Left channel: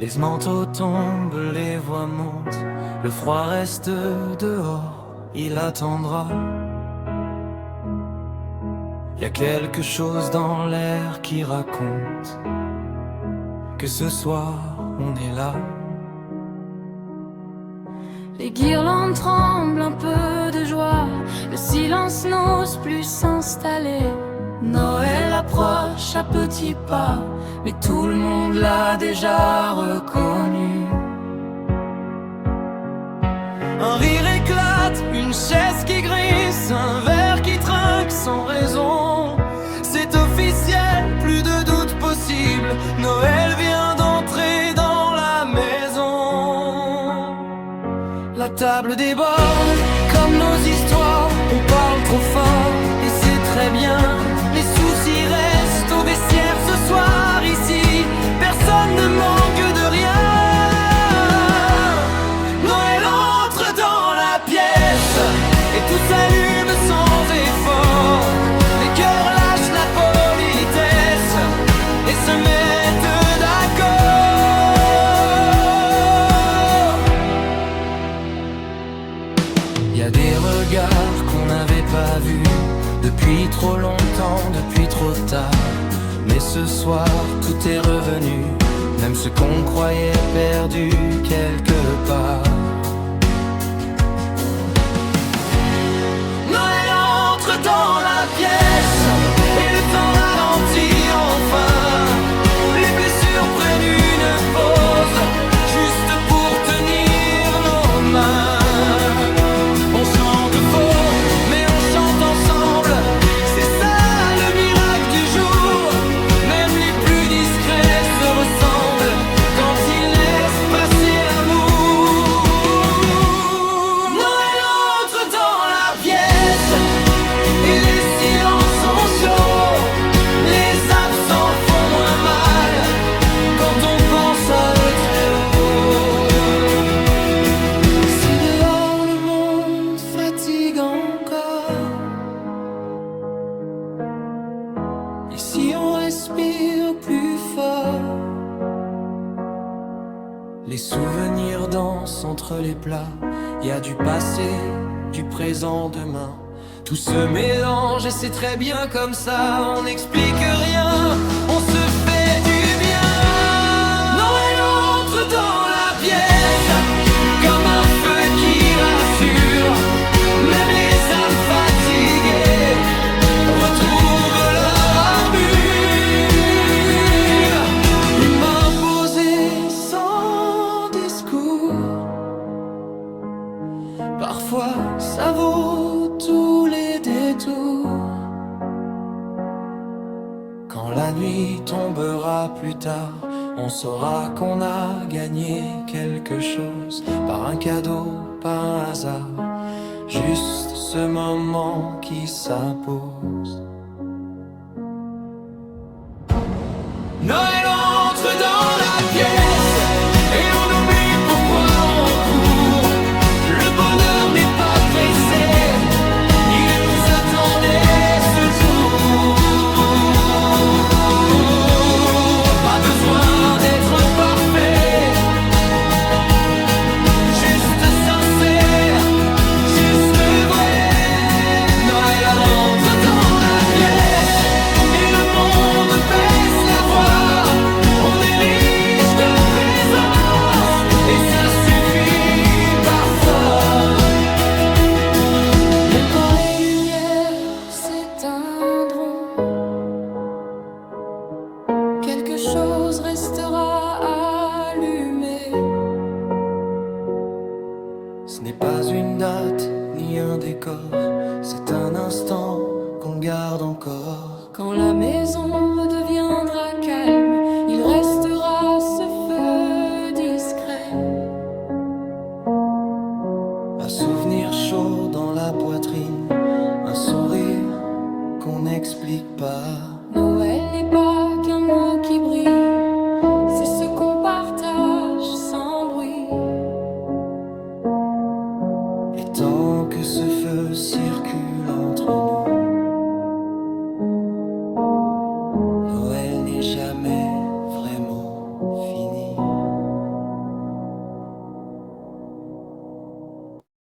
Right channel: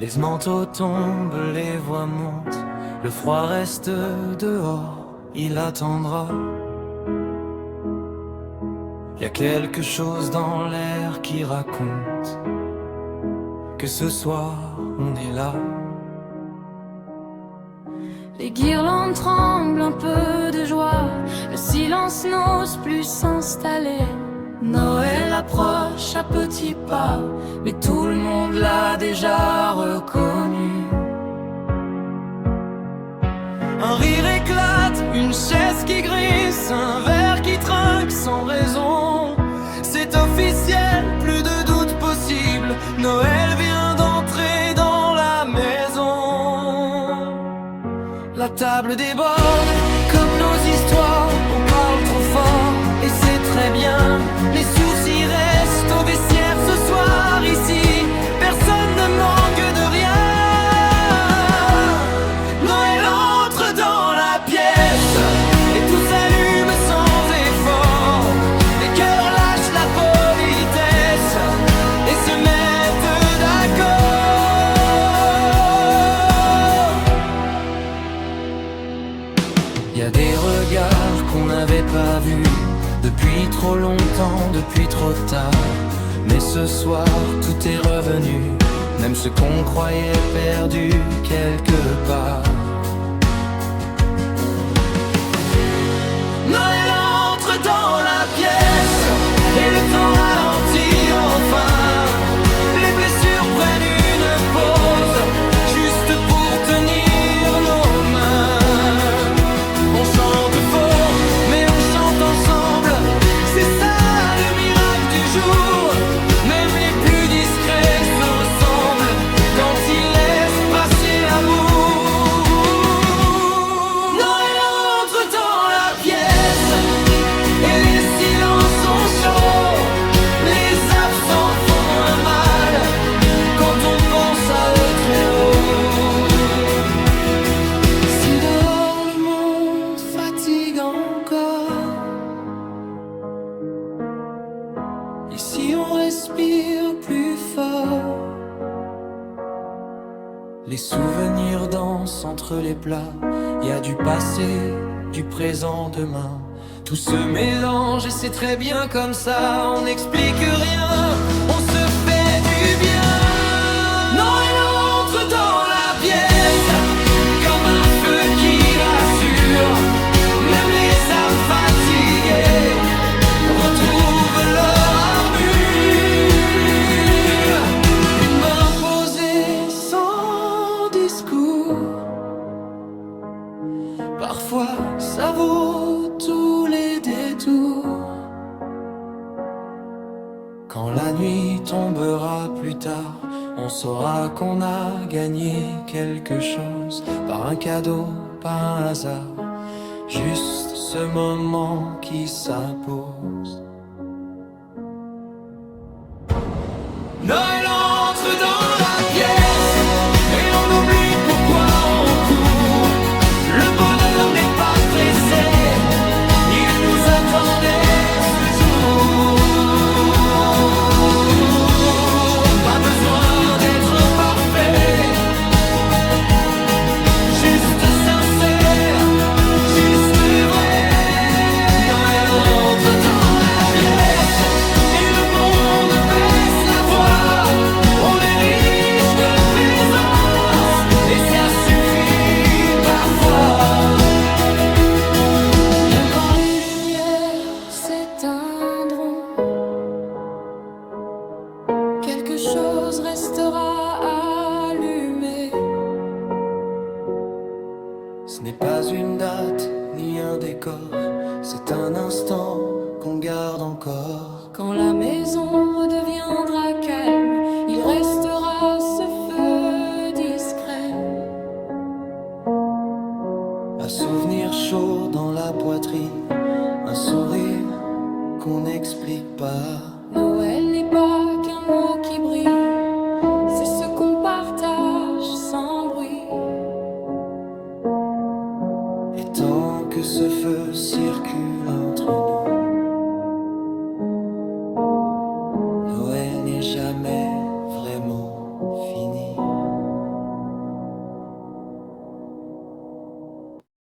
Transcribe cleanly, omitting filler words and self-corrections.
Les manteaux tombent, les voix montent, le froid reste dehors, il attendra. Y a quelque chose dans l'air qui raconte que ce soir on est là. Les guirlandes tremblent, un peu de joie, le silence n'ose plus s'installer. Noël approche à petits pas, mais tout le monde l'a déjà reconnu. Un rire éclate, une chaise qui glisse, un verre qui trinque sans raison. C'est officiel, plus de doute possible, Noël vient d'entrer dans la maison. La table déborde, comme nos histoires, on parle trop fort, et c'est très bien. Les soucis restent au vestiaire ce soir, ici, personne ne manque de rien. Noël entre dans la pièce, et tout s'allume sans effort. Les cœurs lâchent la politesse, et se mettent d'accord. Y a des regards qu'on n'avait pas vus depuis trop longtemps, depuis trop tard. Mais ce soir, tout est revenu, même ce qu'on croyait perdu quelque part. Noël entre dans la pièce, et le temps ralentit enfin. Les blessures prennent une pause, juste pour tenir nos mains. On chante faux, mais on chante ensemble, c'est ça le miracle du jour. Même les plus discrets se ressemblent quand ils laissent passer l'amour. Noël entre dans la pièce, et les silences sont chauds. Les absents font moins mal quand on pense à eux très haut. Si dehors le monde fatigue encore, ici on respire plus fort. Les souvenirs dansent entre les plats, y a du passé, du présent, demain. Tout se mélange et c'est très bien comme ça, on n'explique rien, on se fait du bien. Noël entre dans la pièce, comme un feu qui rassure. Même les âmes fatiguées retrouvent leur armure. Une main posée sans discours, parfois ça vaut tous les détours. Quand la nuit tombera plus tard, on saura qu'on a gagné quelque chose, par un cadeau, pas un hasard, juste ce moment qui s'impose. Noël entre dans la pièce, et on oublie pourquoi on court. Le bonheur n'est pas pressé, il nous attendait ce jour. Pas besoin d'être parfait, juste sincère, juste vrai. Noël entre dans la pièce, et le monde baisse la voix. On est riche de présence, et ça suffit parfois. Même quand les lumières s'éteindront, quelque chose restera allumé. Ce n'est pas une date ni un décor, c'est un instant qu'on garde encore. Quand la maison redeviendra calme, il restera ce feu discret. Un souvenir chaud dans la poitrine, un sourire qu'on n'explique pas. Noël n'est pas qu'un mot qui brille, c'est ce qu'on partage sans bruit. Et tant que ce feu circule entre nous, Noël n'est jamais vraiment fini.